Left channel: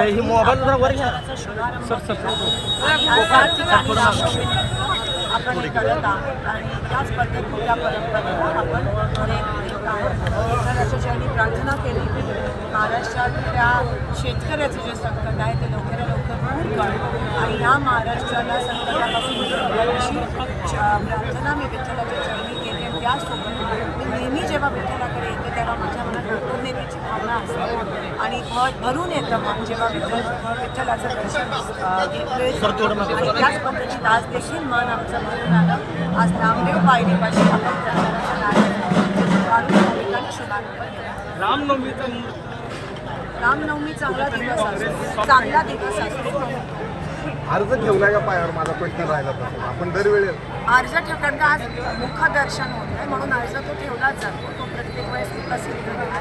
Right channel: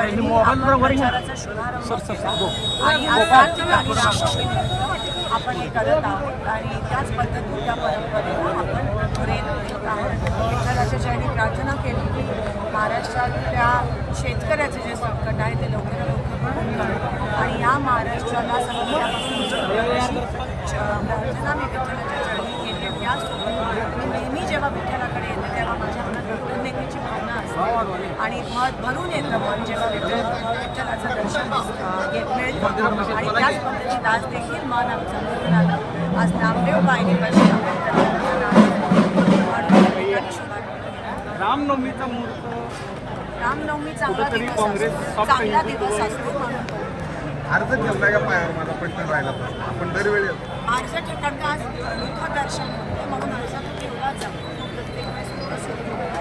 तरीही आपण प्रचाराचा शुभारंभ केला आणि आज 7 ठिकाणी रामनवमीनिमित्त आपण हे करत आहोत आणि त्याच पद्धतीने त्या परंपरेला आपण पुढे नेत आहोत. विठ्ठलाच्या चरणी प्रार्थना केली की महाराष्ट्रातल्या शेतकऱ्याचे जे संकट आहे ते लवकरात लवकर दूर कर आणि ह्या महाराष्ट्राला संकटापासून मुक्त कर अशी प्रार्थना मी विठ्ठलाच्या चरणी केली. आणि त्यासोबत मी नेहमी जेव्हा विठ्ठलाकडे येते तेव्हा माझ्या मनात कृतज्ञतेची भावना असते आणि भरून येतं मन जेव्हा विठ्ठलाचं दर्शन मिळतं. आणि त्याच पद्धतीत आज देखील मन आमचं भरून आलं. आज नामदेव पायरीपाशी आपण प्रचाराचं नाटक काढून या ठिकाणी शुभारंभ केला. रामनवमी चांगला दिवस असतो म्हणून तो अर्ज ठेवला या पायावर माझा प्रश्न राहिला आपण दरवेळी अर्ज ठेवतात का आज मुखदर्शन होत आहे म्हणून अर्ज तो ठेवलाच जातो. तो प्रत्येक वेळेस विकसित आहे.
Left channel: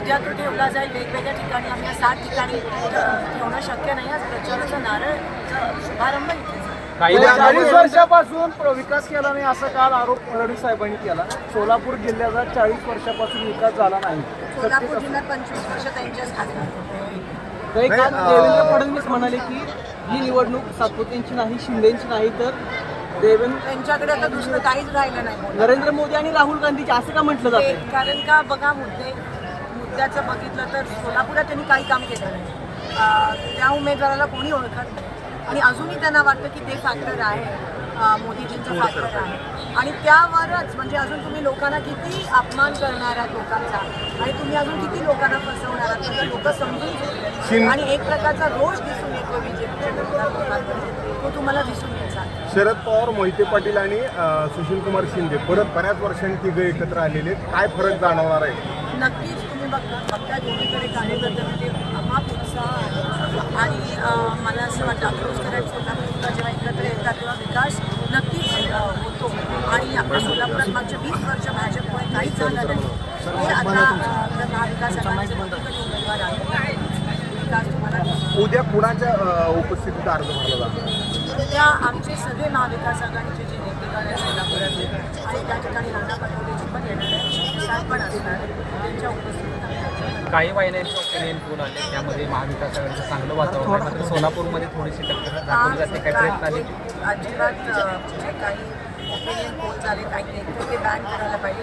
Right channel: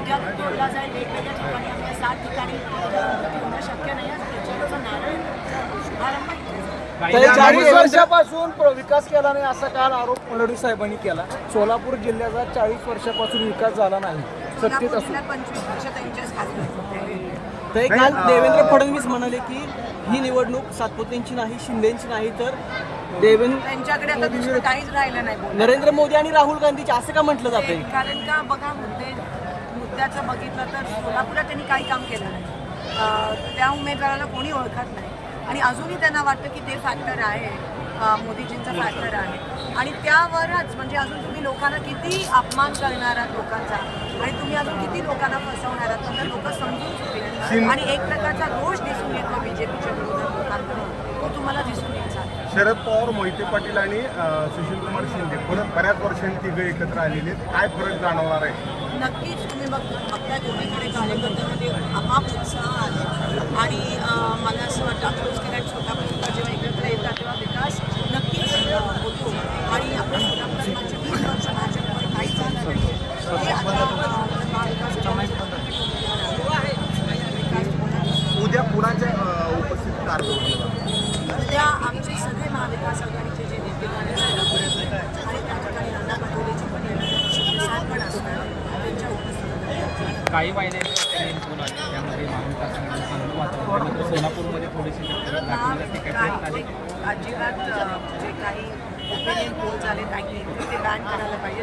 उद्या तो ठेवला जाईल वेगवेगळ्या ठिकाणी. आम्ही 7 ठिकाणी ठेवणं शक्य नाही. आज प्रचाराचा नारळचा शुभारंभ इथे काही 40 वर्षापासून विकास केला नाही असा काल आरोप फडणवीस साहेबांनी केला. सोलापूर जिल्ह्याचा 40 वर्षापासून विकास झाला नाही. सोलापूर जिल्ह्यात 25 वर्ष त्यांच्याच खासदार होते. तरी काल देवेंद्र फडणवीस म्हणाले की ही निवडणूक सातपुतेंची नाही, शिंदेची नाही तर त्यांच्याकडे आता दुसरं काहीच राहिलं नाही बोलायला. नरेंद्र मोदी आणि राहुल गांधीचे असं का म्हटलं जातं? कारण का बघा मुद्द्याचं बघितलं तर सोलापुरात त्यांनी काही काम केलं नाही. त्या उमेदवाराला कोणी ओळखत नाही आणि अजूनही त्यांना वाटतं की ते फॅक्टर आहे, मोदीजींचं फॅक्टर आहे. आणि त्यावरच म्हणजे अजून तुम्ही लोकांना किती अपमान करणार आहात लोकांचा आणि तुम्ही अजून किती लोकांना फसवणार आहात तर लोक समजून चुकले आणि एक प्रकारचा रोष दिसून येतो बीजेपीच्या विरोधात लोकांमध्ये. तो तुम्हाला दिसून यायचा. शरद पवार, मोहिते पाटील आणि सुशीलकुमार शिंदे परत बऱ्याच वर्षांनी तिघे एकत्र आलेले, काय फरक जाणवणार आहे? नक्कीच तुम्ही बघता दोन्हीकडे कार्यकर्त्यांमध्ये अमाप उत्साह आहे आणि मला असं वाटतं अकलूजकर आणि सोलापूरकर जेव्हा एकत्र येतात तेव्हा विकास नक्कीच होतो. आणि आपल्या सोलापुरात मागच्या 20 वर्ष भाजपमुळे काहीच झालं नाही. हे आता महाविकास आघाडीचे दोन्हीकडे उमेदवार आले. विकास तुम्हाला उद्या कुणाच्या उपस्थितीत अर्ज भरला जातो? उद्या आमचे सगळे महाविकास आघाडीचे जे नेतेगण आहेत सोलापुरात आणि त्या ठिकाणी नाना पटोलेजी पण येणार आहेत, शिवसाहेब पण असणार आहेत. त्यांच्या उपस्थितीत आम्ही काही वाहिन्यांचे ओपिनियन पोल आले त्यामध्ये महाविकास आघाडीचं चांगलं वातावरण आहे. मात्र सोलापूरमध्ये थोडीशी टक्कर दाखवली जाते. काय प्रयत्न आले? अजिबात जे काही ओपिनियन पोल झाले तर ते बॅन करायला पाहिजे.